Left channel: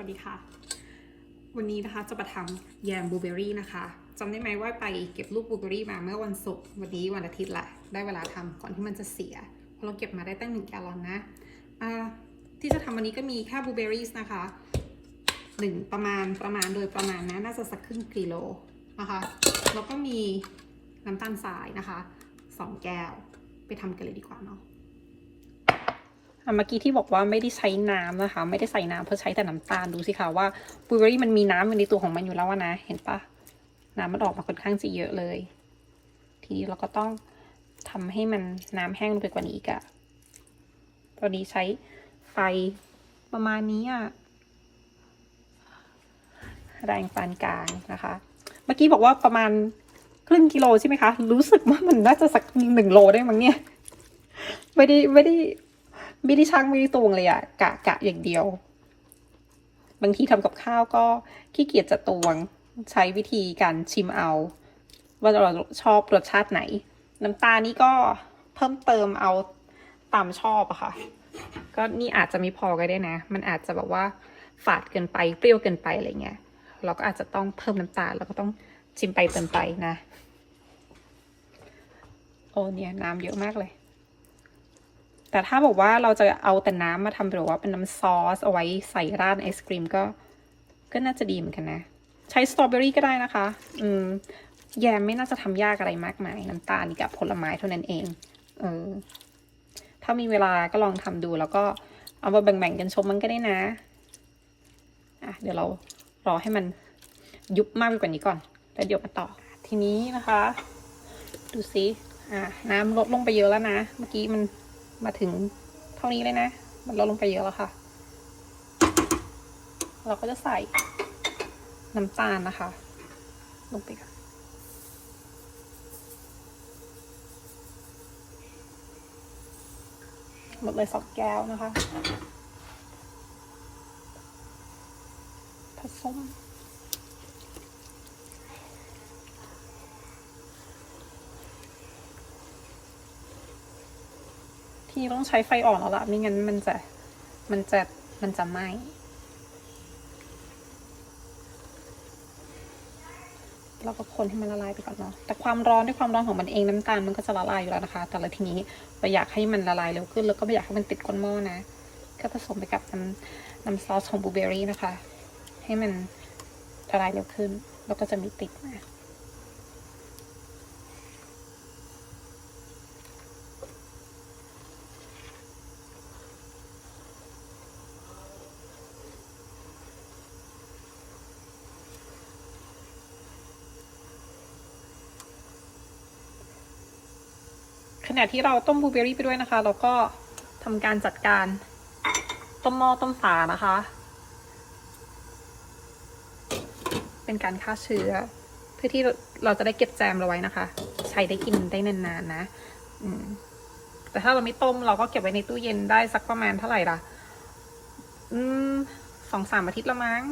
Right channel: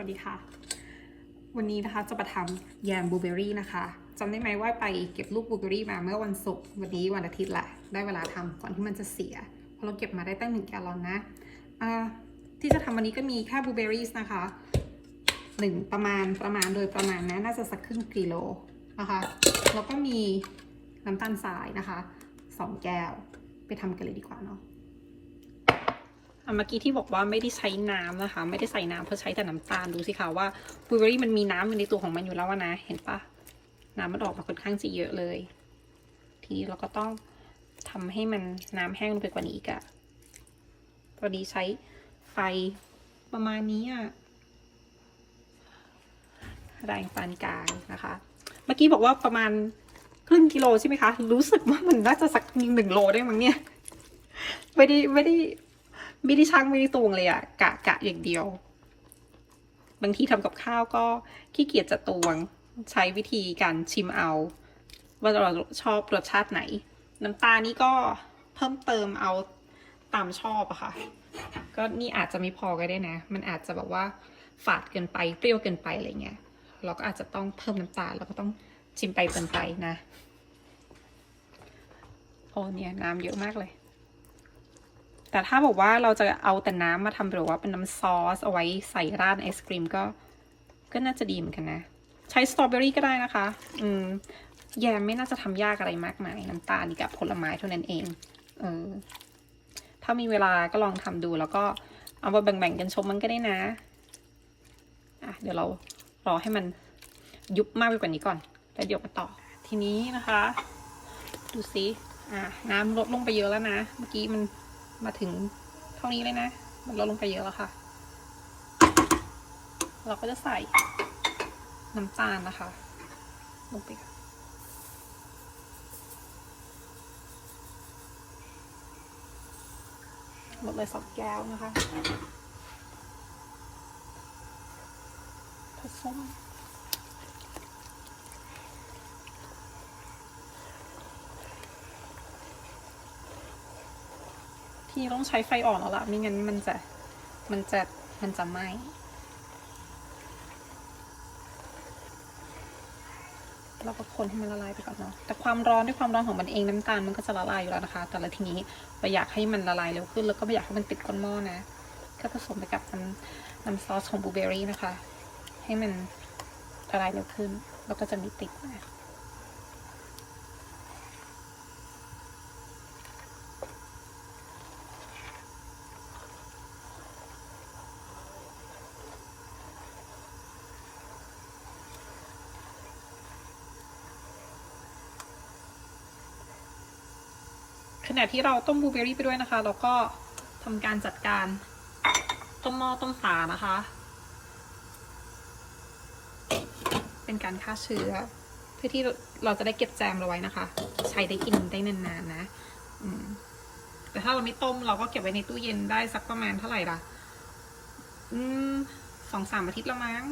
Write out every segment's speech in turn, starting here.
สวัสดีค่ะ วันนี้นะคะจะมาทำแยมบลูเบอรี่นะคะจำได้ไหมว่าไปเก็บลูกบลูเบอรี่มาเมื่อวันศุกร์วันนี้วันอาทิตย์แหละ ได้เวลาทำก่อนที่มันจะเสียเพราะเราเก็บมาได้ตั้งหนึ่งแกลลอนนะอ่าที่จะทำวันนี้ก็มีแค่บลูเบอรี่นะคะหนึ่งประมาณประมาณโดยประมาณนะน่าจะสักครึ่งกิโลนะคะแล้วก็มีน้ำตาลทรายนะคะสองแก้วไปทำกันเลยดีกว่าเนาะอะ เมื่อกี้ที่บอกว่าไม่ได้ใช้น้ำนะคะ ไม่ได้ใส่น้ำเพราะใช้แต่น้ำตาลดูสิคะว่าบลูเบอรี่มันมีน้ำอยู่ในตัวของมันอยู่แล้วนะ เห็นปะน้ำมันออกมาค่อนข้างจะเยอะเลย ทีนี้เราก็ต้องทำให้มันน้ำแห้งลงไปกว่านี้อีกอะตอนนี้ใช้ไฟประมาณนี้อะแรงปานกลางนะคะ เมื่อกี้บอกว่าประมาณครึ่งกิโลใช่ไหมคะ รู้สึกว่ามันน่าจะสักหนึ่งโลได้มั้งเนี่ย ไม่ได้ไม่ได้ ไม่ได้ช่างไม่ได้ตวงเลยอะกะกะอย่างเดียว บางทีทำกับข้าวก็ขี้เกียจจะตวง ใช้วิธีการชิมเอา ว่าเราชอบรสชาติไหน น้ำตาลนี่ก็เพิ่มเติมเอาตามชอบอะค่ะ ก็นี่อาจจะไม่พอก็ได้นะ มันอาจจะแบบว่าฝาดเกินไปเปรี้ยวเกินไปอะไรเงี้ยเราก็อาจจะต้องเพิ่มน้ำตาลแล้วก็ต้องชิมไปเติมไปนะ โอ้เนี่ยน้ำเยอะมากเลย แต่ถ้าบอกว่าเราจะเอาแต่น้ำมาทำหรือว่าเป็นน้ำซอสเอาไว้ใส่ราดไอศครีมก็ ก็น่าจะดีเหมือนกันนะ ใช้สตรอเบอรี่ก็ได้นะคะ อืม แยมไม่น่าจะทำยากอะไรมากมาย น้ำตาลกับผลไม้เท่านั้นเอง เออ ถ้ามีเวลาก็ลองทำดูแล้วก็เอามาแบ่งๆกันชมมันก็ได้นะ อะ เดี๋ยวเรารอให้มันยุบมากไปกว่านี้ก่อน แล้วเดี๋ยวมาต่อ ทีนี้นะคะ ดูสิ อะ น้ำลดลงไปเยอะแล้วนะ เมื่อกี้มัน มาถึงเท่านี้เลยนะ มันลดลงไปเยอะแล้วค่ะ เราก็จะใส่น้ำตาลนะคะ ลงไปค่ะหมดเลยสองแก้วนะคะผสม ทีต้องใช้ไฟอ่อนแล้วล่ะ ไม่งั้นมันจะ มันจะ มันจะไหม้เราก็คนให้มันละลายไปก่อนเนาะ แต่ความร้อนด้วยความร้อนของมันเองน้ำตาลมันก็จะละลายอยู่แล้วนะคะ แต่ละทีนี้เราอยากให้มันละลายเร็วขึ้น แล้วก็ไม่อยากให้มันติดก้นหม้อนะ ก็ผสมไปกับน้ำน้ำซอสของบลูเบอรี่นะคะ ให้มันละลายเร็วขึ้น แล้วก็จะไม่ติดนะ ขณะที่เราต้มบลูเบอรี่ไปด้วยนะคะ เราก็ทำการจัดการต้มหม้อต้มฝานะคะ เป็นการฆ่าเชื้อ เพื่อที่เราจะได้เก็บแจมเราไว้นะคะ ใช้ได้กินได้นานๆนะแต่ถ้าเราไม่ต้มเราก็เก็บไว้ในตู้เย็นได้สักประมาณเท่าไหร่ล่ะ อืมสองสามอาทิตย์ละมั้ง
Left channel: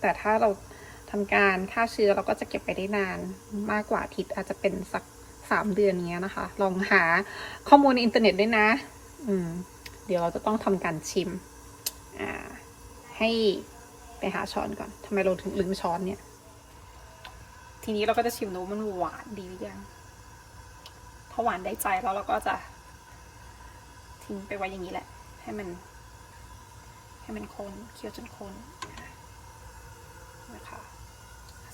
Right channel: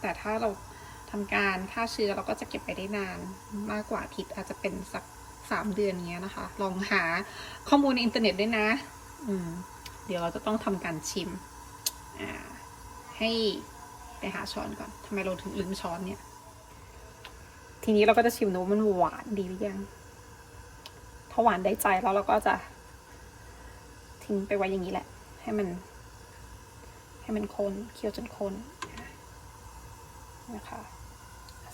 แต่ถ้าเรา ทำการฆ่าเชื้อเราก็จะเก็บไปได้นานมากกว่าอาทิตย์อาจจะเป็นสักสามเดือนเนี้ยนะคะ ลองหาข้อมูลในอินเทอร์เน็ตด้วยนะ อืม เดี๋ยวเราจะต้องทำการชิม อ่า ให้ไปหาช้อนก่อนทำไมเราถึงลืมช้อนเนี่ย ทีนี้เราก็จะชิมนะว่ามันหวานดีหรือยังถ้าหวานได้ใจแล้วเราก็จะ ทิ้งไปไว้อย่างนี้แหละ ให้มัน ให้มันคนเคี่ยวจนคนนะคะ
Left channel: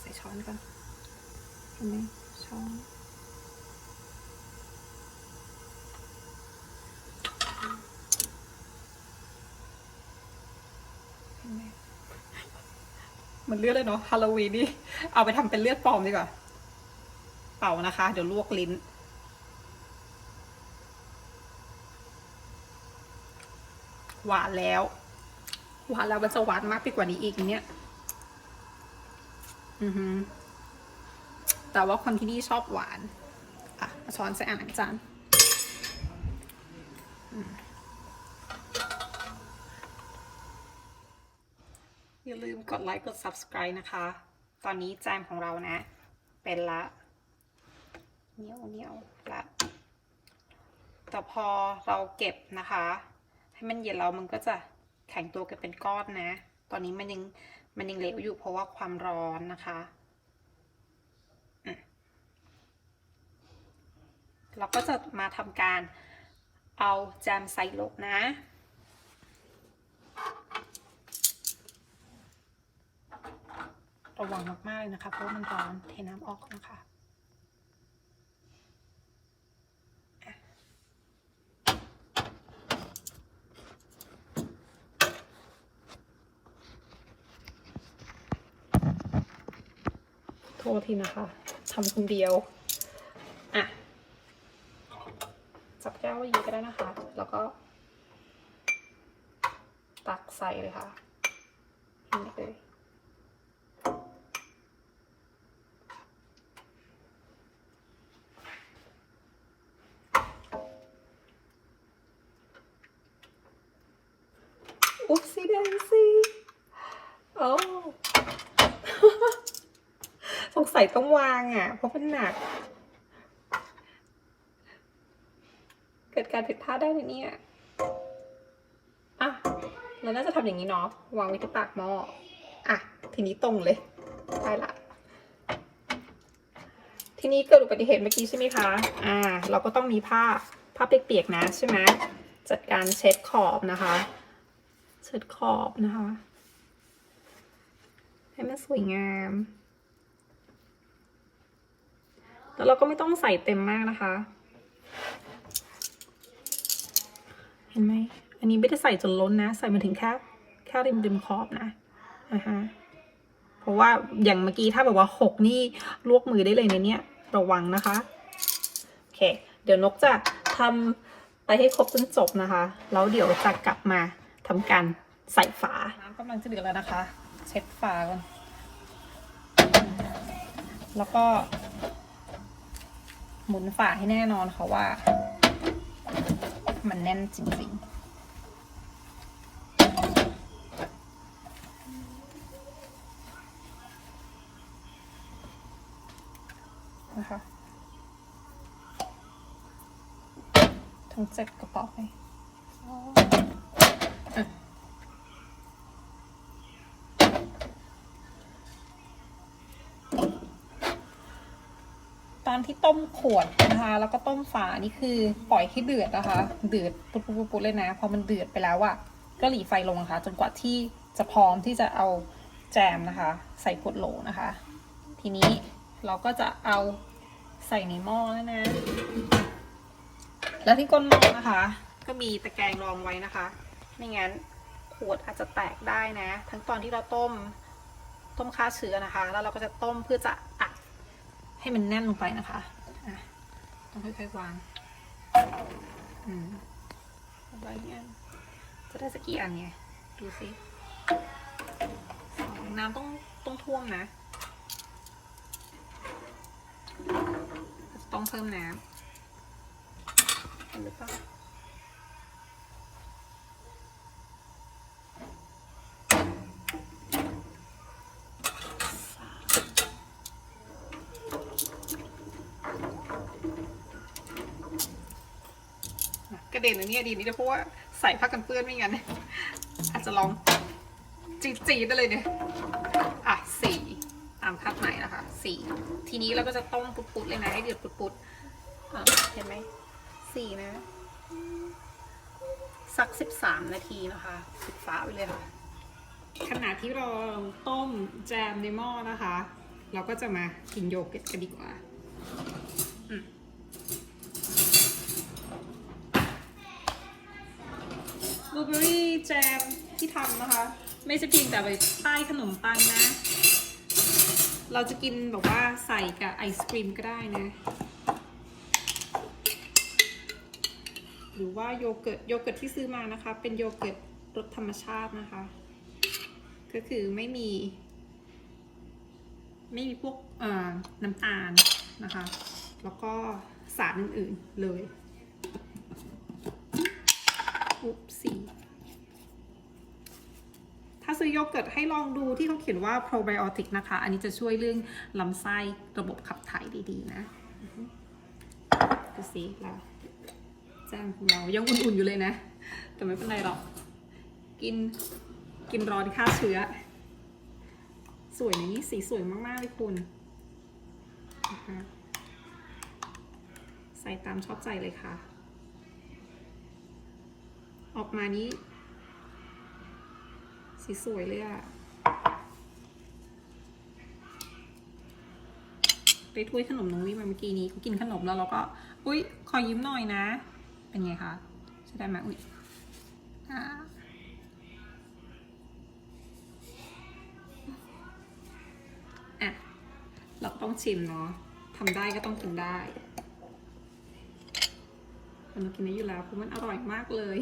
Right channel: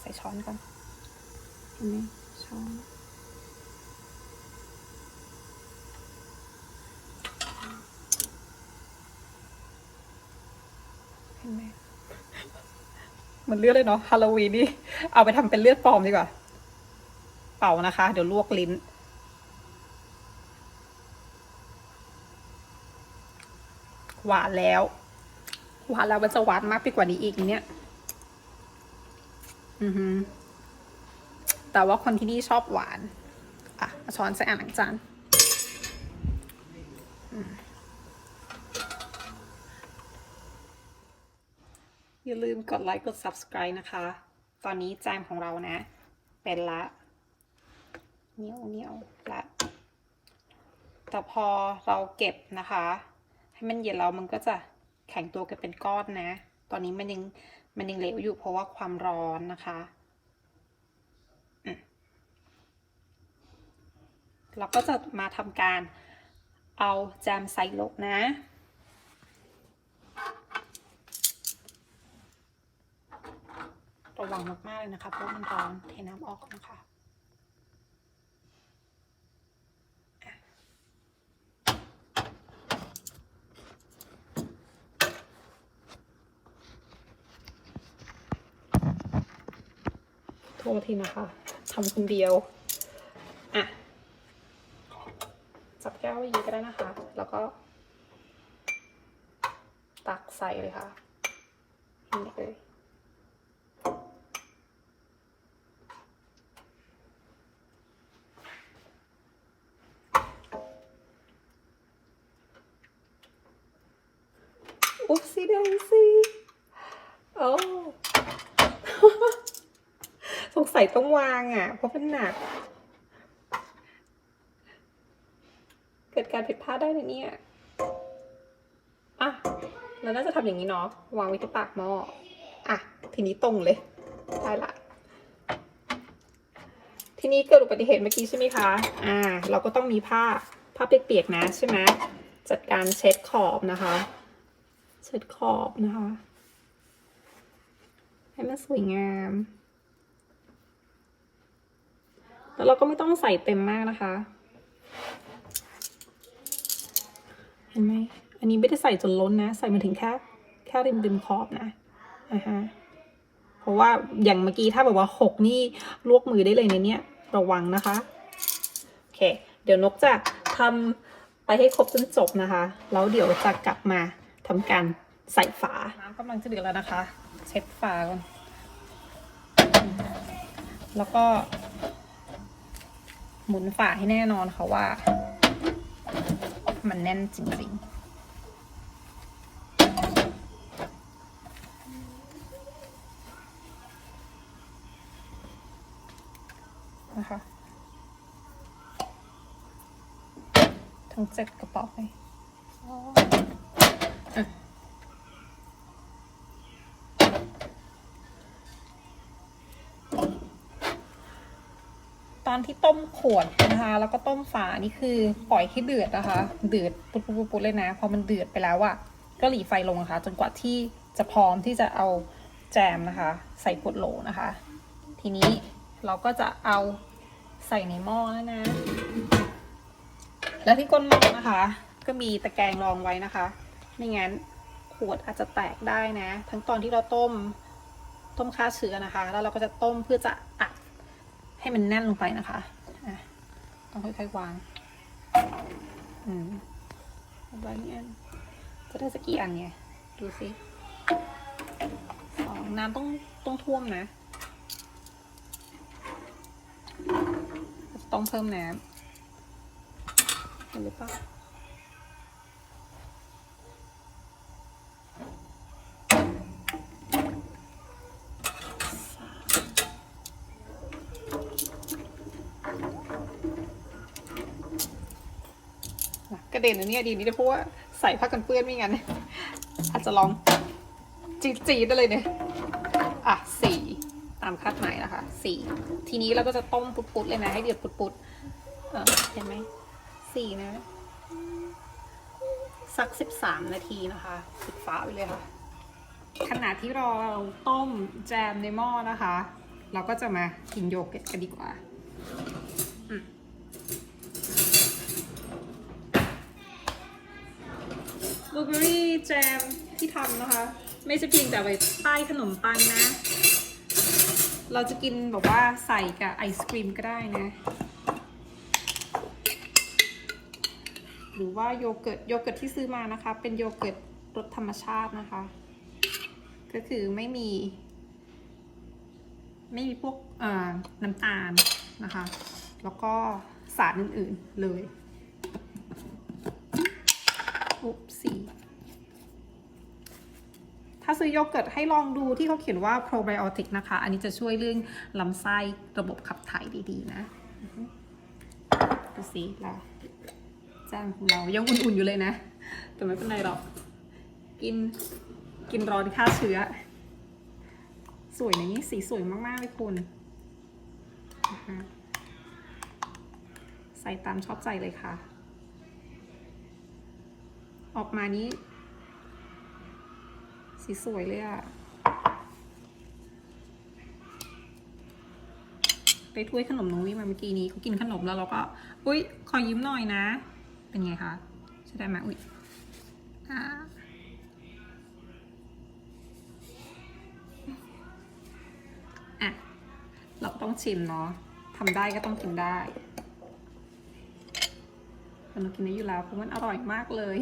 ส่ช้อนก่อนเห็นไหมช้อนเห็นไหมมันเลือดเลยเนาะฮาโลวีนนี่เอาไปทำเป็นเลือดปลอมดีกว่า เป่านะคะ เดี๋ยวลวกลิ้นหวานแล้ว หวานแล้วมันจะหวานมากไปกว่านี้อีกเนี่ย อือฮึแต่ว่าคนที่นี่ชอบหวาน อะ ช้อนใส่อ่างล้างจานอย่าลืมกดไลค์กด subscribe นะคะ ตอนนี้แจมของเรานะ เป็นละเหนียวเหนียวละแต่พอเราเก็บนะคะ ให้มันเย็นแล้วมันก็จะแข็งตัวกันเป็นก้อนนะ ตอนนี้มันยัง มันยังเหลวอยู่เพราะว่าความร้อนนะคะเราก็จะมาทำการเอาแจมใส่ลงนะ ระวังมากๆเลยนะคะเพราะมันร้อนเทน้ำออกนะคะ ษทีนะคะทำคนเดียวอะจับแก้วไว้ยีก็ได้นะคะ แล้วก็ ตักใส่เลยค่ะนี่เลย อุ๊บซีเดนซีโอ้ สงสัยต้องวางอะ เพราะมันหนัก เกิดการผิดพลาดได้ในเนี่ยอะเราน่าจะทำอย่างนี้เนาะวางไว้ที่ปากหม้ออะ ทีนี้ตรงเลยได้ละทีนี้เกิดอุบัติเหตุเมื่อกี้ใช่ไหมคะ อ่า เราก็ต้องมีผ้าผ้าเปียกๆนะใช่ไหมจัดการเช็ดขอบนะคะ เช็ดขอบนะคะ ให้มันสวยงาม แล้วเราก็ไม่ต้องใส่เต็มมากนะคะ เห็นไหมอันนี้ไม่ได้ใส่จนล้นนะ ใส่มาถึงแค่แค่ริมริมขอบนะอ่าฮะเพราะว่าอย่างเมื่อกี้ถ้าแบบว่าหกนี่ลวกมือได้เลยในเนี้ยระวังนะคะโอเค เดี๋ยวนกจะทำไปให้ครบจนจบนะคะ แล้วเดี๋ยวจะกลับมาทำการใส่ฝา น้ำกำลังจะเดือดแล้วนะคะ เช็ดฝาก่อนแล้วก็ หมุนฝาให้แน่นอนค่ะว่า มันแน่นจริงๆนะคะทั้งเจ็ดกระป๋องเลย ตอนที่ต้มขวดนะคะ แล้วก็ต้มฝานี่คือปล่อยให้เดือดนะคะ เดือดปุ๊บปุ๊บปุ๊บเลยนะ พอมันเดือดไปแล้วอะก็หลีไฟลงนะคะจนกว่าที่จะพร้อมที่จะเอาแจมนะคะ ใส่ขวดโหลนะคะ ทีนี้เราก็จะเอาใส่ในหม้อแล้วนะ แล้วที่ก้นหม้อนะคะ ก็มีตะแกรงรองไว้นะคะ ไม่งั้นขวดอาจจะแตกได้นะ ทั้งตอนที่เราต้มต้มฆ่าเชื้อนะคะ แล้วเราก็จะต้มเพื่อจะอัด ให้มันแน่นลงไปนะคะอะต้องค่อยๆวาง อืมวางเนี่ยจะได้สักกี่อันเนี่ย ดูสิสองน้ำต้องต้องท่วมนะ ต้องเพิ่มน้ำเห็นหรือเปล่า ระเด็นอันนี้ดีนี่นะเพราะว่าใส่ผ้ากันเปื้อนไม่งั้นอาจจะลองจีดจีดได้เลยเนี่ยอะสี่ตามคาดหมายนะคะสี่ทีนี้เราก็จะต้มปุดๆเลยนะให้เดือดปุดๆเออเห็นไหมสี่นะสักสิบสามนาทีนะคะปิดฝาไปเลยค่ะขณะที่เราต้มแจมในหม้อนะคะ เราก็จะมากินโยเกิร์ตกันดีกว่า ลูเบอรี่แจมที่ทำนะคะ ไม่ใช่เพียงแต่ไว้ป้ายขนมปังนะ เราจะกินแบบว่าใส่กับไอศครีมก็ได้นะ หรือว่าโยเกิร์ตโยเกิร์ตที่ซื้อมานะคะ เป็นโยเกิร์ตรสธรรมชาตินะคะ ก็คือไม่มี ไม่มีพวกน้ำตาลนะคะ แล้วก็สารอื่นๆเลยุบสีถ้าซื้อโยเกิร์ตให้ลองดูที่เขาเขียนว่า probiotic นะคะ อันนี้จะช่วยเรื่องลำไส้ระบบขับถ่ายดีๆนะดูสิเราจ้านของเรายังอุ่นๆอยู่เลยนะ แต่ไม่เป็นไรหรอก กินกินร้อนฆ่าเชื้อ สวยนะนี่สีสวยมากๆเลยคุณ ใส่ตามชอบใจเลยค่ะ ออกมานี้ สีสวยเลยอะไปถ้วยขนมน้องวิมาเมื่อกี้นี้เขากินขนมแล้วเราก็ อุ้ยขอยิ้มหน่อยนะ เป็นไงคะใช่ได้ไหมอุ้ยอ่าอะเราต้องชิมเนาะทำได้ก็ต้องกินได้มันกินได้อยู่แล้วเพราะมันอร่อยมากเลย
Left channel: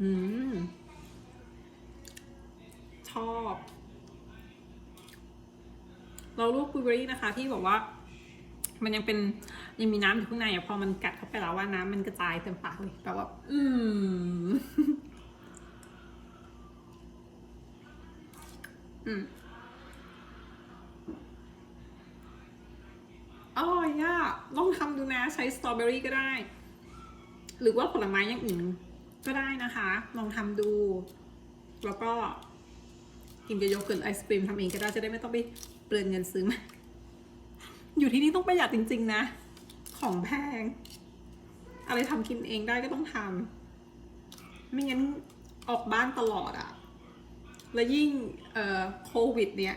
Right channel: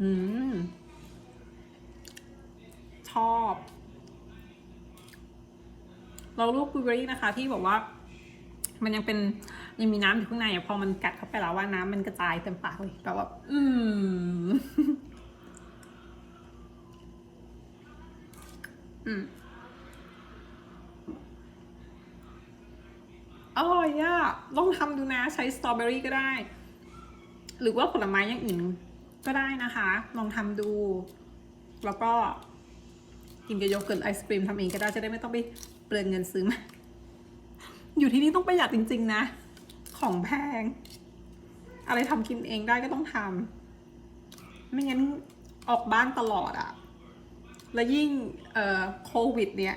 อืม ชอบเราลูกบลูเบอรี่นะคะ ที่บอกว่า มันยังเป็นยังมีน้ำอยู่ข้างในอะพอมันกัดเข้าไปแล้วว่าน้ำมันกระจายเต็มปากเลยแบบว่า อืม อืมอร่อยอะลองทำดูนะใช้สตรอเบอรี่ก็ได้ หรือว่าผลไม้อย่างอื่น ก็ได้นะคะ ลองทำดู แล้วก็กินกับโยเกิร์ตไอศครีมทำเองก็ได้จะได้ไม่ต้องไปเปลืองเงินซื้อมาอยู่ที่นี่ต้องประหยัดจริง ๆ นะ ของแพง อะไรทำกินเองได้ก็ต้องทำไม่งั้นออกบ้านตลอดอะแล้วยิ่งเอ่อโควิด เนี่ย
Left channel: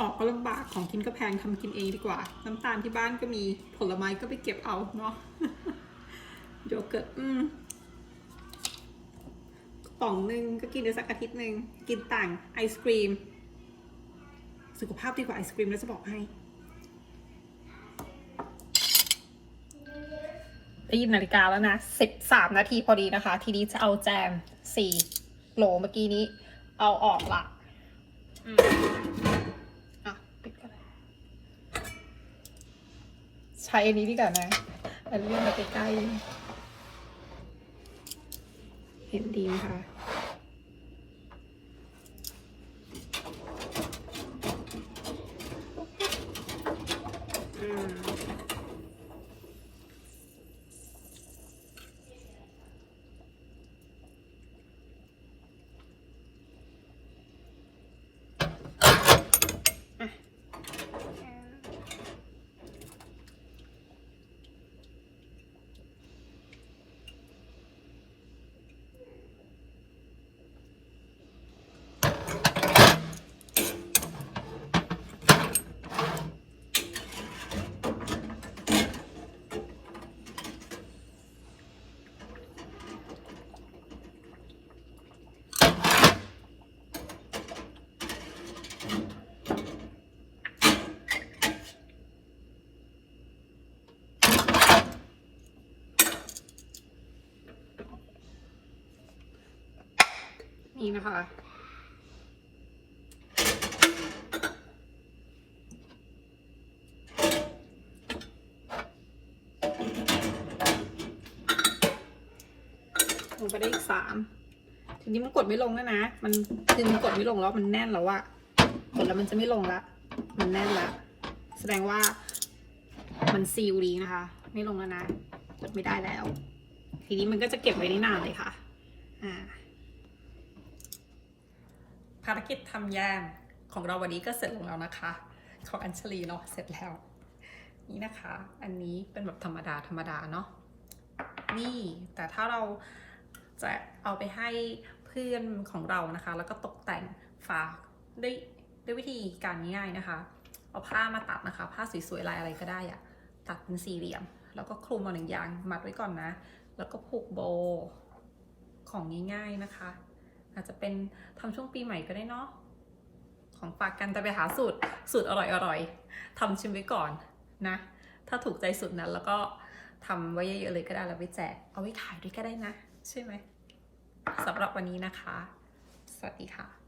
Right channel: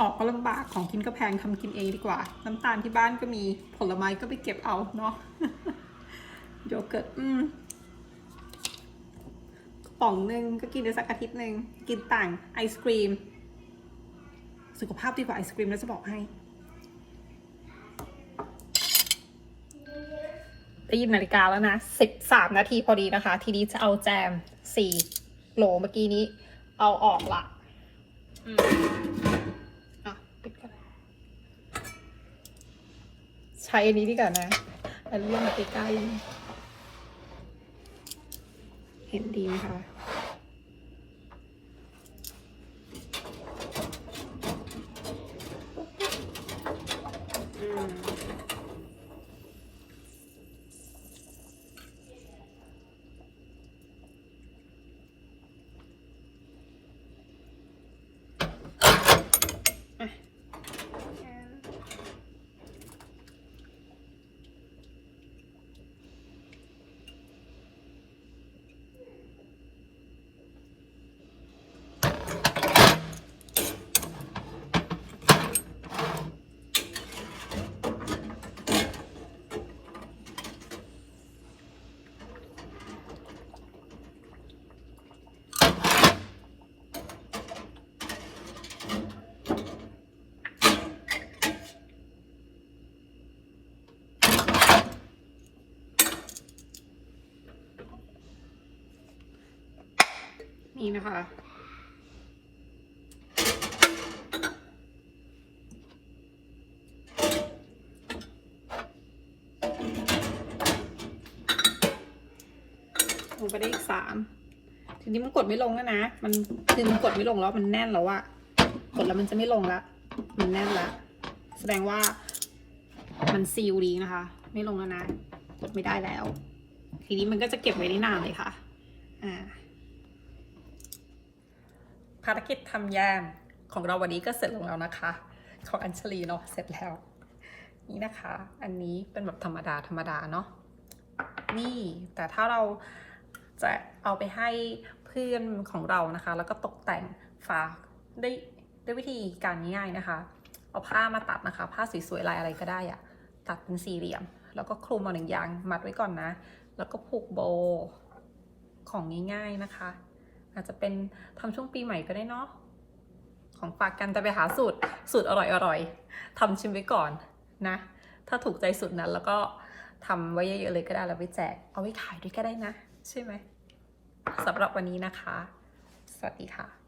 ออกก็ลำบากของกินก็แพงทำกินเองดีกว่า น้ำตาลที่บ้านก็มีผลไม้ก็ไปเก็บเอาเนาะโยเกิร์ตอืม ป๋องหนึ่งก็กินได้สักอาทิตย์หนึ่งกินต่างไอศครีม สุขภาพดีกว่าไอศครีมแล้วจะบอกให้ได้ยินนาฬิกาแล้วนะสิบสามนาทีพอดีนะคะ ทีนี้จะเอาแจมสี่โหลเมื่อกี้นี้ เอาออกละอะปิดกันใช้อันนี้ดีกว่านะอันเรื่องมาใกล้ๆ เห็นดีไหมคะ นี่นะคะ ลงไปได้อีกสามทีนี้มันกดไม่ลงแล้วนะ มันคือมันกดไม่ลงแล้วมันแน่นแล้วอะกดแล้วมันจะไม่ลงละ มันแน่นละ แสดงว่ามันซีลดีนะคะ ไม่ลงแล้วนะ กดไม่ได้แล้ว ทีนี้มันก็จะเก็บไว้ได้นานเลยค่ะ อ่า ภารกิจทำแยมของเราวันนี้ก็เสร็จลงแล้วนะคะ ของอัญชลีเนาะเสร็จแล้ว นี่นะคะ อันนี้เป็นแบบธรรมดาธรรมดาเนาะนี่แต่ถ้าเราจะเอาไปให้เพื่อนของเรานะคะ แล้วก็ตกแต่งฝาได้ด้วยวิธีการง่ายๆนะคะ เอาผ้ามาตัดนะคะ ผ้าสวยๆลายอะไรก็ได้อะตัดเป็นสี่เหลี่ยม แล้วก็คลุมเอาหนึ่งยางมัดไว้ก่อนนะ แล้วก็ผูกโบของง่ายๆนะคะ อาจจะเป็นทำช่วงปีใหม่ก็ได้เนาะของฝากกันแต่ไปหาสูตรสูตรอร่อยๆทำชิมไว้ก่อนนะ ถ้าถูกใจสูตรนั้นแล้วก็ทำไว้เยอะๆเลยก็ได้แล้วไปแจก เอาไว้ขายด้วยก็ได้นะ ใช่ไหมสำหรับวันนี้นะคะ สวัสดีค่ะ